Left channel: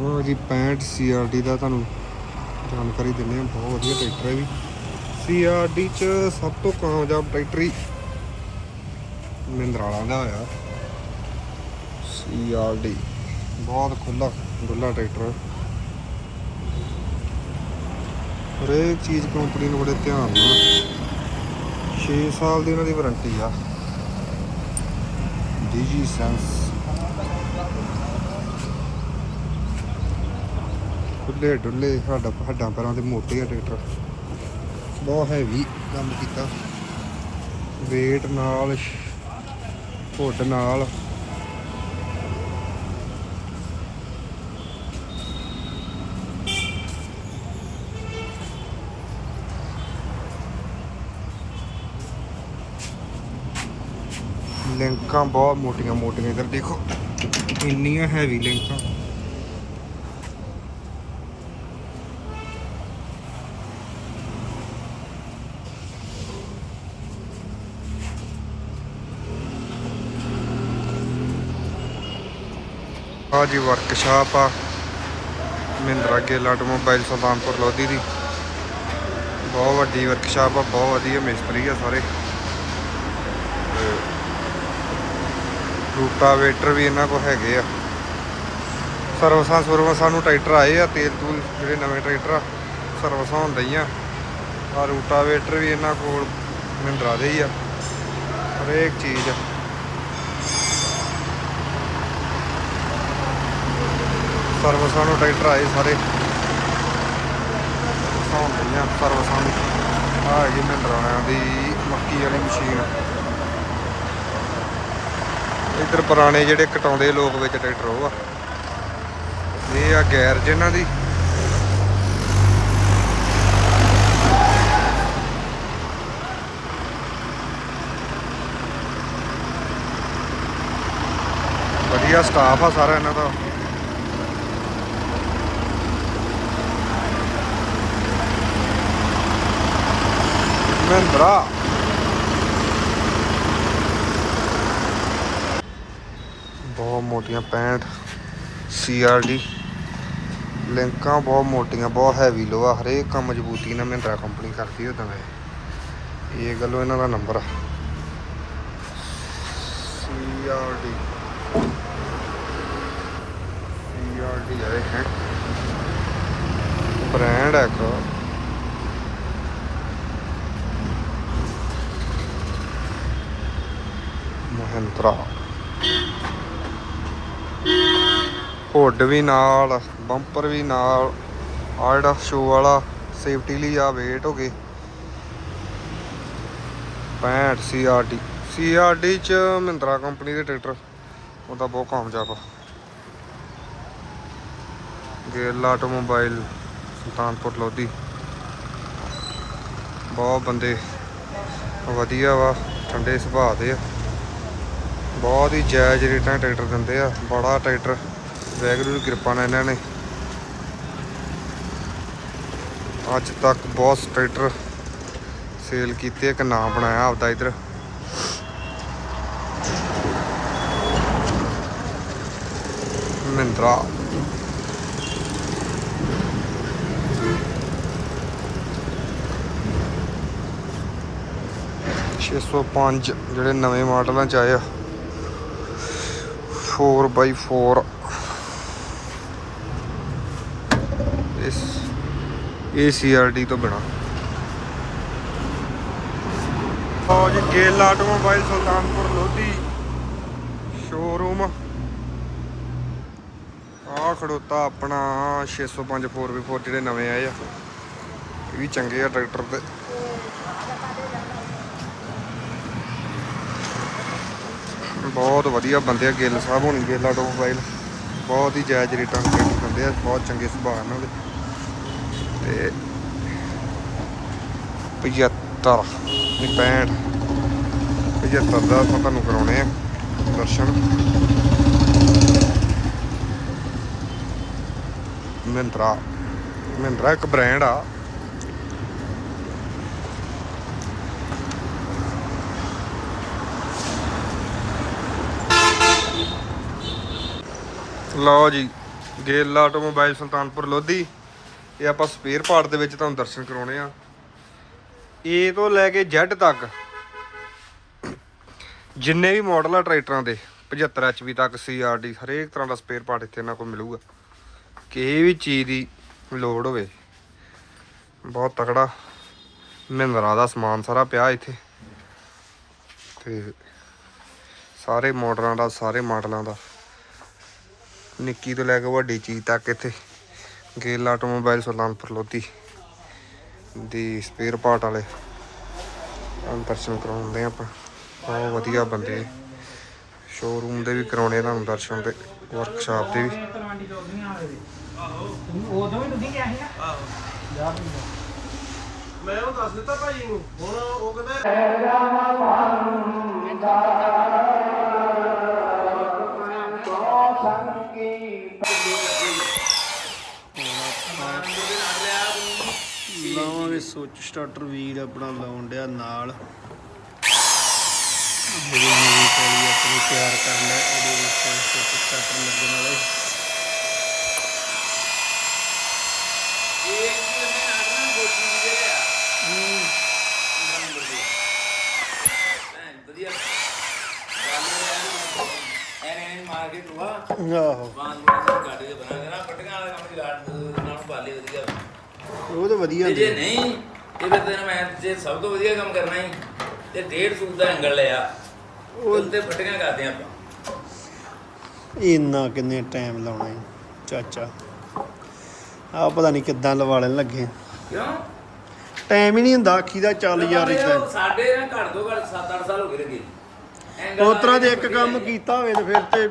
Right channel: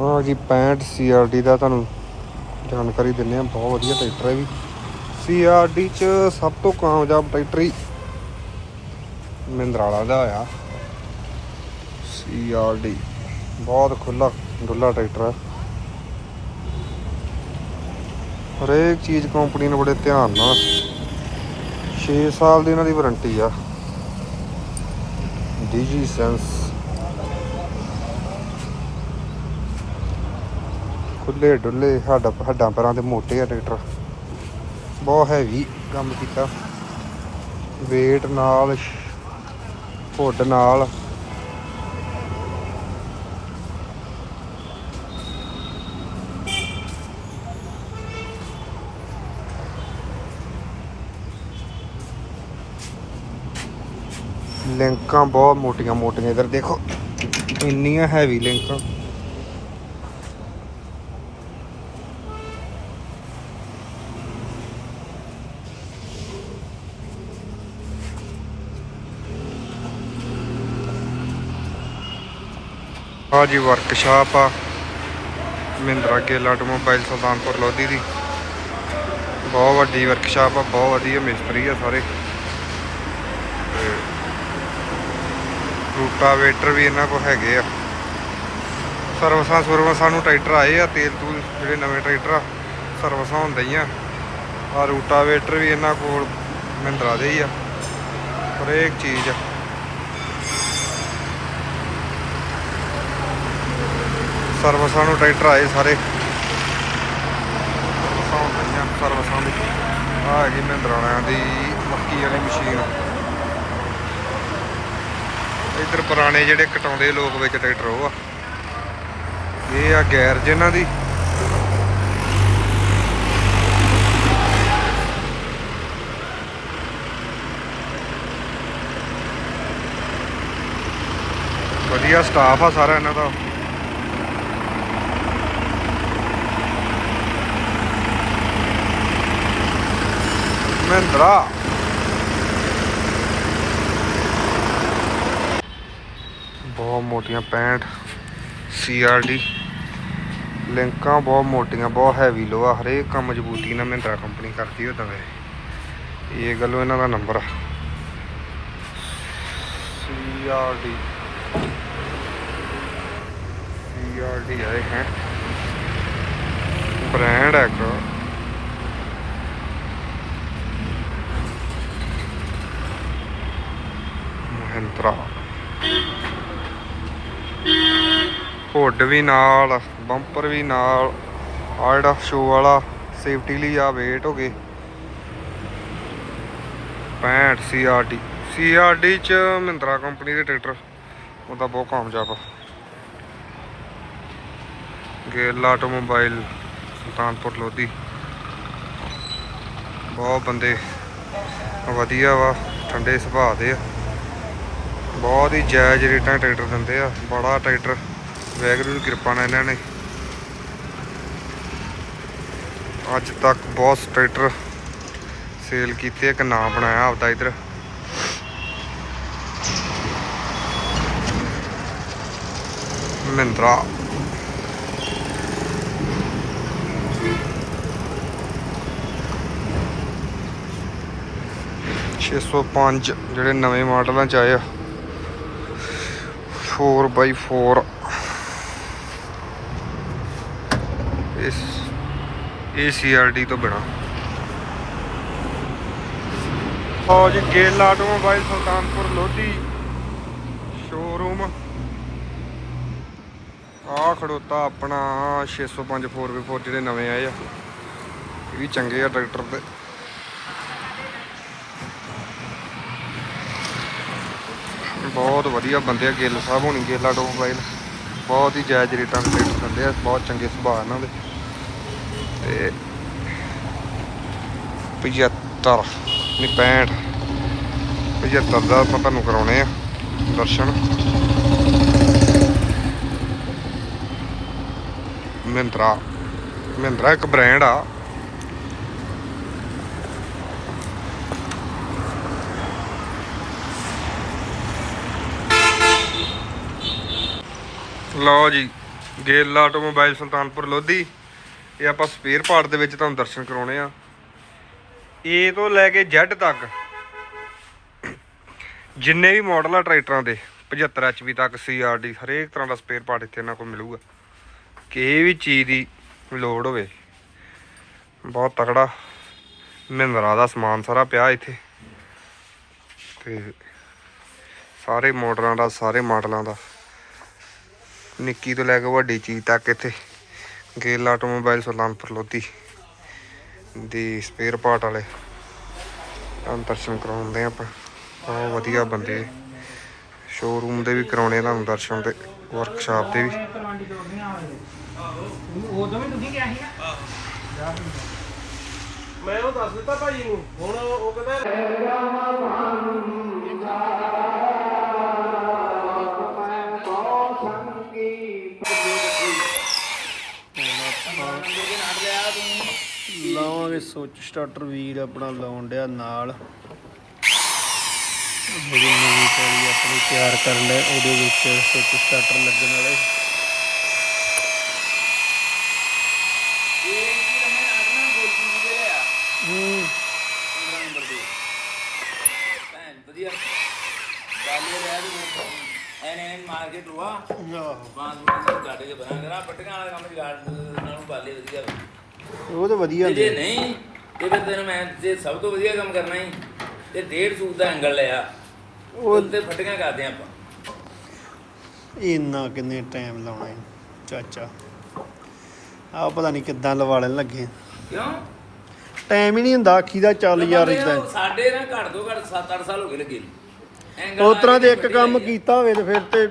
ਹਾਂ ਜੀ 65 CRD ਦਾ ਤੁਹਾਨੂੰ ਜਾਣਕਾਰੀ ਦਿੰਦੇ ਆ ਬਹੁਤ ਵਧੀਆ ਟਰੈਕਟਰ ਹੈ ਜੀ। CRD ਚ ਸਭ ਤੋਂ ਕਾਮਯਾਬ ਟਰੈਕਟਰ ਹੀ ਮਹਿੰਦਰਾ ਵਾਲਾ ਦਾ ਆ। CRD ਬਹੁਤ ਖੁੱਲਾ ਡੁੱਲਾ ਟਰੈਕਟਰ ਹੈ। ਹਰੇਕ ਚੀਜ਼ ਕੰਪਨੀ ਨੇ ਬੜੇ ਧਿਆਨ ਨਾਲ। 6 ਸਾਲ ਦੀ ਉਹਨਾਂ ਦੀ ਵਾਰੰਟੀ ਆ। ਡੀਜੀ ਸੈਂਸ ਖੁੱਲੇ ਡੁੱਲੇ ਸਾਡਾ ਹੱਡਾਂ ਪੈਰਾਂ ਦੇ ਮੋਟੇ ਆ ਟਰੈਕਟਰ। ਬਹੁਤ ਹੈਵੀ ਕੰਮ ਕੀਤਾ। weight ਨਾਲ ਹੁੱਡ ਨਾਲ। ਲਿੰਕਾਂ ਬਹੁਤ ਮੋਟੀਆਂ ਮੋਟੀਆਂ ਇਧਰ ਦੇਖੋ। ਇੰਨੀਆਂ ਹੈਵੀ ਲਿੰਕਾਂ। ਆ ਜੀ ਵਰਕਸ਼ਾਪ ਆ। ਮਹਿੰਦਰਾ ਗਿੱਲ ਆਟੋਮੋਬਾਈਲ ਸੁਲਤਾਨਪੁਰ ਲੋਧੀ ਦੀ। ਬਹੁਤ ਵੱਡੀ ਵਰਕਸ਼ਾਪ ਆ, ਬਹੁਤ ਵਧੀਆ ਮਿਸਤਰੀ ਆ ਸਾਰੇ। ਰੂਟਾਵੇਟਰ ਵੀ ਇਹਨਾਂ ਕੋਲ ਹੈਗੇ ਆ। ਸਰਵਿਸਾਂ ਸਰਵਿਸਾਂ ਨੂੰ ਟਰੈਕਟਰ ਆਏ ਆ, ਤੇਲ ਤੂਲ ਜਿਹੜੇ ਨਵੇਂ ਟਰੈਕਟਰ ਆ, ਸਰਵਿਸਾਂ ਹੁੰਦੀਆਂ। ਆ ਰੂਟਾਵੇਟਰ ਵੀ ਇਹਨਾਂ ਕੋਲ ਮਹਿੰਦਰਾ ਦੇ ਹੀ ਆ। ਹਰੇਕ ਚੀਜ਼ ਆ। ਸਰਵਿਸਾਂ ਨੂੰ ਟਰੈਕਟਰ ਆਏ ਸਾਰੇ। ਸਰਵਿਸਾਂ ਹੁੰਦੀਆਂ ਸਰਵਿਸਾਂ ਦੀ। ਆ ਹੈਗੀ ਮਹਿੰਦਰਾ ਦੀ ਮੱਕੀ ਵਾਲੀ ਮਸ਼ੀਨ। ਇੱਧਰ ਪੁਰਾਣੇ ਜਿਹੜੇ ਕਟਾਉਂਦੇ ਲੋਕ ਵਿੱਚ ਟਰੈਕਟਰ ਉਹ ਆ। ਇਹ ਆ ਗੈਰ ਇਹਨਾਂ ਦੀ। ਵਧੀਆ ਸਟਾਫ ਆ ਸਾਰਾ ਇਹਨਾਂ ਦਾ। ਮਹਿੰਦਰਾ ਬਹੁਤ ਮੋਟੀਆਂ 65 ਸੀਆਰਡੀ ਲਿੰਕਾਂ ਬਹੁਤ ਮੋਟੀਆਂ, ਬਹੁਤ ਹੈਵੀ ਲੋਹਾ, ਹਰੇਕ ਕੰਮ ਮਜ਼ਬੂਤੀ ਨਾਲ ਮਹਿੰਦਰਾ ਕੰਪਨੀ ਕਰਦੀ ਉਦਾਂ ਦਾ ਇਹ। ਗੱਲੋਂ ਇਹਨਾਂ ਦਾ ਨੰਬਰ ਆ। ਸੀਆਰਡੀ ਸੀਆਰਡੀ ਆਏ ਹੈ। ਬ੍ਰਾਂਡ ਹੈ ਇੱਕ। ਮਹਿੰਦਰਾ। ਹੁੱਡ ਵੀ ਨਾਲ, ਬੰਪਰ ਵੀ ਨਾਲ ਆ ਜਿਹੜਾ ਸ਼ੋ ਵਾਲਾ ਸੇਫਟੀ ਲਈ ਆ ਵੇਟ ਹੋ ਗਏ। 65 ਸੀਆਰਡੀ ਸੀਆਰਡੀ ਚ ਮਹਿੰਦਰਾ ਕੰਪਨੀ ਦੇ ਟਰੈਕਟਰ ਉਹਦਾ ਬਹੁਤ ਕਾਮਯਾਬ ਆ। ਗੇਲ ਆਟੋਮੋਬਾਈਲ, ਸੁਲਤਾਨਪੁਰ ਲੋਧੀ। ਬਹੁਤ ਬੰਦੇ ਵਧੀਆ ਵਾ, ਠੰਡੇ ਸੁਭਾਅ ਦੇ ਆ। ਬਹੁਤ ਹੀ ਜਾਇਜ਼ ਰੇਟਾਂ ਟਰੈਕਟਰ ਦਿੰਦੇ ਆ। ਬੜਾ ਟਰੈਕਟਰ। ਵੈਗਰੂ ਦੀ ਕਿਰਪਾ ਨਾਲ ਇਹਨਾਂ ਨੇ। ਅੱਜ ਤੱਕ ਬਹੁਤ ਟਰੈਕਟਰ ਸੇਲ ਕੀਤੇ ਇੱਕ ਨਾਮ ਬਣਾਇਆ ਆਪਦਾ ਇਧਰ। ਮਹਿੰਦਰਾ। ਛੇ ਸੌ ਪੰਜ ਜਿਹੜੇ ਨਵੇਂ ਮਾਡਲਾਂ ਚ ਆਏ ਆ। 4x4 ਇਸ, ਇਹ ਤੋਂ ਬਿਨਾ। ਆਓ ਜੀ, ਗੇਲ ਆਟੋਮੋਬਾਈਲ ਸੁਲਤਾਨਪੁਰ ਲੋਧੀ ਸ਼ੋਰੂਮ ਆ ਖੜੋਤਾ ਆਪਣਾ 605 4x4 ਜਿਹੜੇ ਨਵੇਂ ਆਏ ਆ। ਇਹ ਵੀ ਚੰਗੇ ਆ ਟਰੈਕਟਰ ਤੇ। ਬਹੁਤ ਵਧੀਆ ਬੰਦੇ ਆ, ਗਿੱਲ ਸਾਹਿਬ ਹੋਣੀ, ਗਿੱਲ ਆਟੋਮੋਬਾਈਲ ਬਹੁਤ ਹੀ ਜਾਇਜ਼ ਰੇਟਾਂ ਤੇ ਟਰੈਕਟਰ ਦਿੰਦੇ ਆ, ਬਹੁਤ ਚੰਗੇ ਸੁਭਾਅ ਇਹਨਾਂ ਦੇ। ਤੇ 75 ਨਹੀਂ 65 75 ਦਾ ਆਪਾਂ ਤੁਹਾਨੂੰ ਕਰਾਉਣੇ ਆ ਦਰਸ਼ਨ। ਮਹਿੰਦਰਾ ਮਹਿੰਦਰਾ ਇੱਕ ਬ੍ਰਾਂਡ ਆ। ਲਓ ਜੀ, ਗੇਲ ਆਟੋਮੋਬਾਈਲ ਸੁਲਤਾਨਪੁਰ ਲੋਧੀ। ਇਹ ਆਪਾਂ ਸਪੇਅਰ ਪਾਰਟ ਦੇ ਵਿੱਚ ਤੁਹਾਨੂੰ ਦਰਸ਼ਨ ਕਰਾਉਣੇ ਆ। ਏ ਤੋਂ ਲੈ ਕੇ Z ਤੱਕ ਜਿੰਨੇ ਵੀ ਮਾਡਲ ਆ ਟਰੈਕਟਰਾਂ ਦੇ 75 HP ਤੱਕ CRD ਹਰੇਕ ਤਰ੍ਹਾਂ ਦਾ ਸਪੇਅਰ ਪਾਰਟ ਇੱਥੇ ਇਹਨਾਂ ਕੋਲ ਮਿਲੂਗਾ। ਕਿਸੇ ਵੀ ਚੀਜ਼ ਦੀ ਲੋੜ ਹੋਵੇ। ਬਹੁਤ ਤਕੜਾ ਮਹਿੰਦਰਾ ਦਾ ਸਮਾਨ ਸਾਰਾ ਪਿਆ ਇੱਥੇ। ਤੇ ਸਾਰੇ ਮਾਡਲਾਂ ਦਾ, ਸਾਰੇ ਮਾਡਲਾਂ ਦਾ। ਨਿੱਕੀ ਤੋਂ ਲੈ ਕੇ ਵੱਡੀ ਚੀਜ਼ ਤੱਕ ਇੱਥੇ ਗੇਲ ਆਟੋਮੋਬਾਈਲ ਸੁਲਤਾਨਪੁਰ ਲੋਧੀ ਦੀ ਸਪੇਅਰ ਪਾਰਟ ਵਾਲੇ। ਤੁਹਾਨੂੰ ਦਰਸ਼ਨ ਕਰਾਉਂਦੇ ਆ ਆਪਾਂ। ਬਹੁਤ ਵਧੀਆ ਬੰਦੇ। ਸ਼ੋਰੂਮ ਦੇ ਵੀ ਕਰਾਉਣੇ ਤੁਹਾਨੂੰ ਦਰਸ਼ਨ ਤੇ ਵਰਕਸ਼ਾਪ ਦੇ ਵੀ। ਮੈਂ ਉਹ ਦੱਸ ਦਿੱਤਾ ਭਾਈ ਨੂੰ, ਹੁਣ ਉਹ ਕਹਿੰਦਾ ਸੁੱਚ ਸਟਾਰਟਰ ਵੀਰ ਆਪਣਾ ਲਾਉਣ ਡਿਆ ਨਾਲ। ਜਿਹੜੀ ਨਵੀਂ ਪੈਲੀ ਆਪਣੀ ਤਿਆਰ ਕਰ ਲੈ ਉਹਦੇ ਵਿੱਚ ਸੁੱਚ ਸਟਾਰਟਰ ਲੱਗਣ ਵਾਲੇ। ਹੂੰ। ਆਹੋ। ਉਹ ਤਾਂ ਵਧੀਆ ਜੇ ਹੁੰਦੇ ਨਹੀਂ ਇਹ ਫਿਰ ਤੈਨੂੰ ਮੈਂ ਜੇ ਸਭ ਤੋਂ ਵਧੀਆ ਕੰਮ ਕਰਨਾ ਹੀ ਤੇ ਡੇਢ ਸੂਟ ਦਾ ਐਂਗਲ ਲਿਆ ਉਹ ਤੇ ਫਟੀਆਂ ਕਰਦੇ ਆਪਾਂ। ਇੰਨਾ ਕਿੰਨੇ ਟਾਈਮ ਲਾਉਣਾ ਹੈ ਚਾਚਾ। ਆ ਪਤਾ ਨਹੀਂ ਕਿੱਦਾਂ ਲਵਾ ਲੈਣ ਲੱਗੇ। ਕਿਉਂ? ਟਾਈਮ ਹੀ ਨਹੀਂ ਹੁੰਦਾ ਆਖੀ ਦਾ ਚੱਲ ਯਾਰ ਇਦਾਂ ਸਾਡੇ ਨਾਲ ਘੱਟ ਤੋਂ ਘੱਟ 7-8 ਸਾਲ ਹੋ ਗਏ ਲੱਗੇ। ਤਰ੍ਹਾਂ ਦੇ ਇੱਕ ਕੰਮ ਕੀਤਾ ਹੋਵੇ ਤੇ ਫਿਰ ਤੇ